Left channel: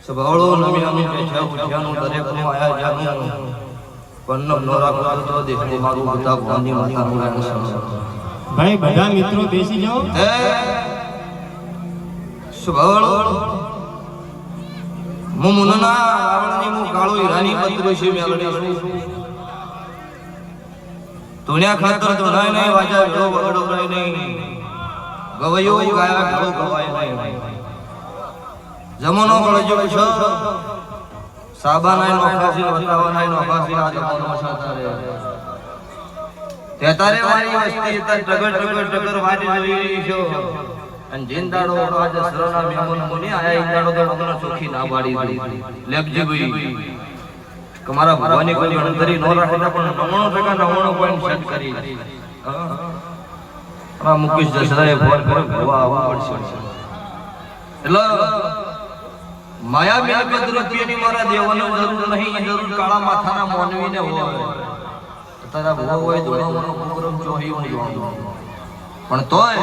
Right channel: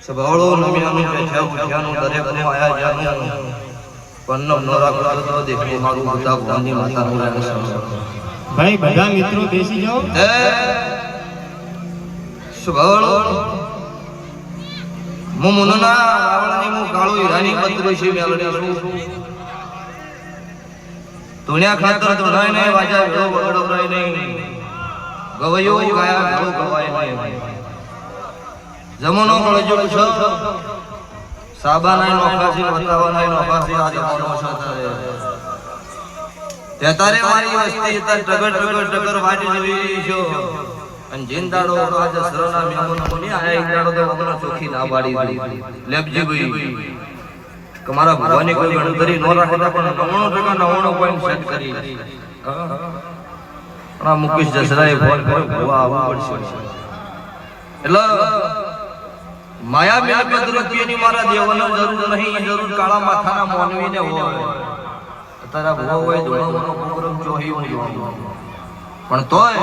સભાળો નમી નમી બેઠ્યા ઉઠ્યાનું દરેકનું આયા જ્યાનું પન્નમ નો રાખો તો દેખો મારું પિતા ભગવાનની માતાનું રહેશે ભાઈ, બધા મિત્રો બેસી જાઓ. સભાળો મુનના રાવણની હું કાળો પત્ર છે મેળડી છું. ધુણ્યા ખાતર ધોણાય નહીં, વાજા વેળો વગડો રહે નહીં. ગવયો ગાયા ભેળો ગવાય નહીં. જમનો કળજો છો સાબાનાય નોખાસી વતાવાનાય નોખાસી આ જમાનો છે તારે તે મારી વસ્તી તન ટગર ટગર ટગર વાટી જવી છો. અને જીંદાડો આજ સરના મેમન મુનિ આયા ઇંદાડો તો વગર ચોખી ના વાડી લેબજી ભાઈ. કે મારા ભગવાનની કોઈ ગણતરી ન રાખતા પણ નવાણું ટકા નવાણું પોઈન્ટ સેટ કરી પણ આ મુકેશ જસરાએ ફોન કર્યો, ભવા આવવું પડશે. એટલે માયા મિલકત રૂપિયાની મારા દેવાનો જરૂર નહીં જરૂર કાળા માથાના મોનવીને હોય. તારા ભાવ હોય તો એનો પ્રોગ્રામ જોઈ હું જોઉં. પણ તોય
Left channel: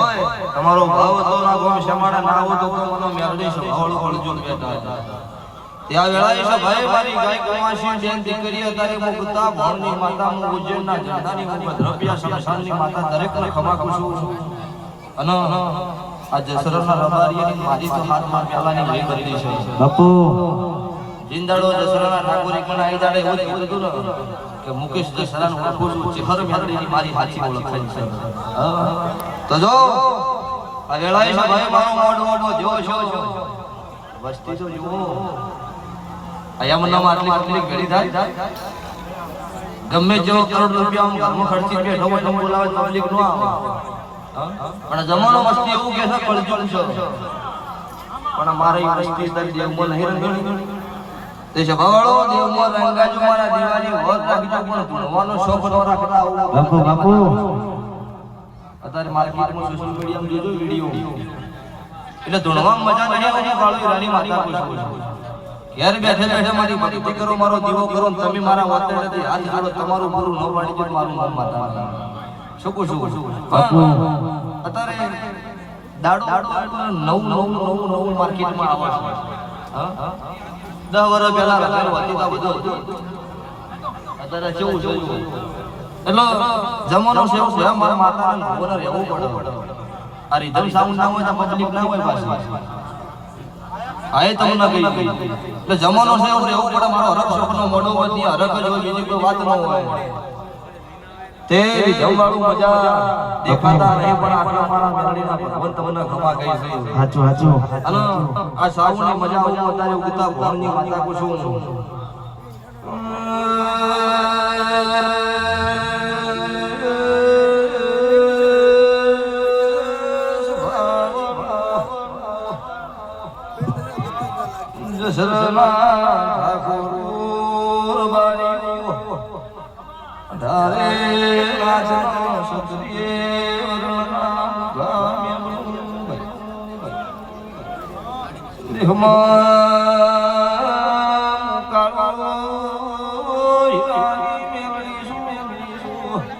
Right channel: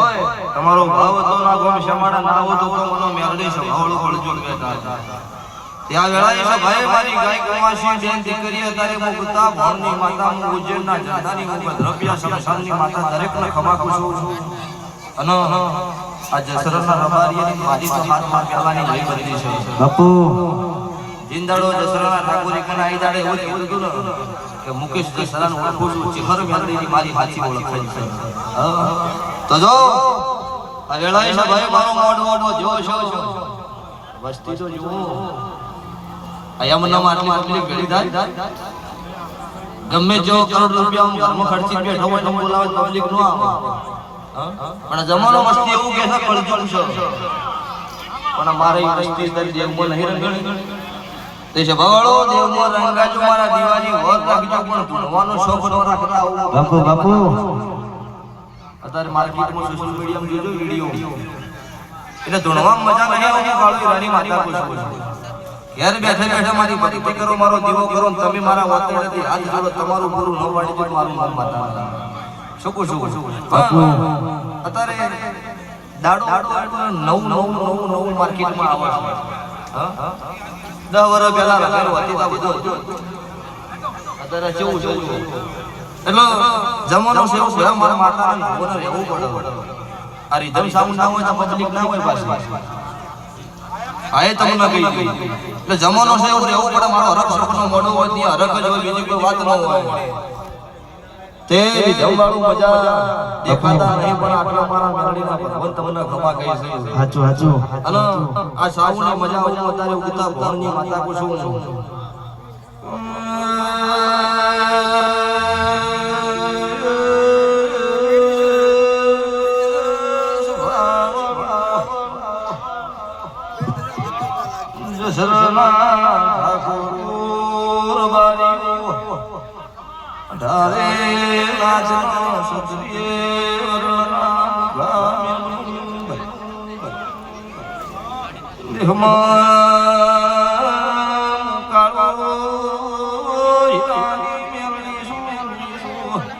તમારો ભાવ તો ના ગોમ શમાડા ના હો તો મને મેળડી છે ભાવળું હળજુલ બેઠા ત્યાં વેળાએ ભાઈ મારી ગાય કુમાસી બેન દીકરી તારે મુકતા ભાવની માતા હું ઉજ્જૈનના જનતાની હું દ્રવ્યા સમશાનની માતા દરેકને ખમા ખુશું છું. અને આ જસરના રબારી મારી તો હાથમાં પહેલાની લઈ બધી છે. બાપુ. જિંદાડો જસરના ઠાકોરી કને આઈ દાડે એવું કીધું કે મુકેશ જસરાનું ઓળખું છું ચિહર મેળડીની મારી સાચી ઓળખાય છે. તો જો આ વેળાએ મારો મોઢ મોઢો જો છો. વસ્તી તો જુઓ. અહીંયા મને આટલી આટલી ભેળી થાય ગમે જેવો કરોડ રૂપિયા હું ઘરમાં ખર્ચી બેઠો તો બોલાવે પબ્લિક નો આવે. પણ જમાનો વસ્તી એવું કે છે કરજું છે. પણ અમારે ઈ વસ્તી દર દેવમાં નહીં રંગણી. તે છે ભવાળો દેવમાં રંગાજો મારા દિવાળી વર રાખજો પણ ભણવાનો શોખ ન રાખતા આવું બાપુ બાપુ. અત્યારે માર્કેટમાં સોશિયલ મીડિયામાં જોજો વીડિયો. એટલે ધૂણવામાં મજા નહીં આવતી કાળી રાની માતા પૂછું ઘેર બેઠે બેઠે મારી ભક્તિ કરો મારો દીવો કરો ને તમે મારા વાતેડેથી હાથ જોડો તમારું ગુરુ ન વાળી પણ મારું નામ માતા શું કહું છું? બાપુ. અત્યારે દાડો નવું નવું નવું નવું માર્કેટમાં આવે છે. દસ વર્ષ પહેલા રગાડો હતી આ બધું અત્યારે કેવું જોયું એટલે જમવાનો છે એવું મારા માતા રહેવું પડે. આ રીધમ સાઉન્ડ ના હોય તો પબ્લિક ના હોય પાછી. હા એ તમને કહી ગઈ એટલે જમવાનો છે એવું રહેવું પડે મારો હરખ સપનો મોડો હોય ત્યાં હરખ જ હોય બીજી કોઈ વાત ન હોય. તે જમવાનું મજા દેખાતા નહીં પણ આટલા મારા મેળડીના ભગવાન તમને ખમા કહી છે હાચું હાચું. અને આ સાવની મજા હું અત્યારે ઉગતા ભવનની માતા કુસુમ ધારે નાચનો સુત્રીએ વરણા ગામ્યો.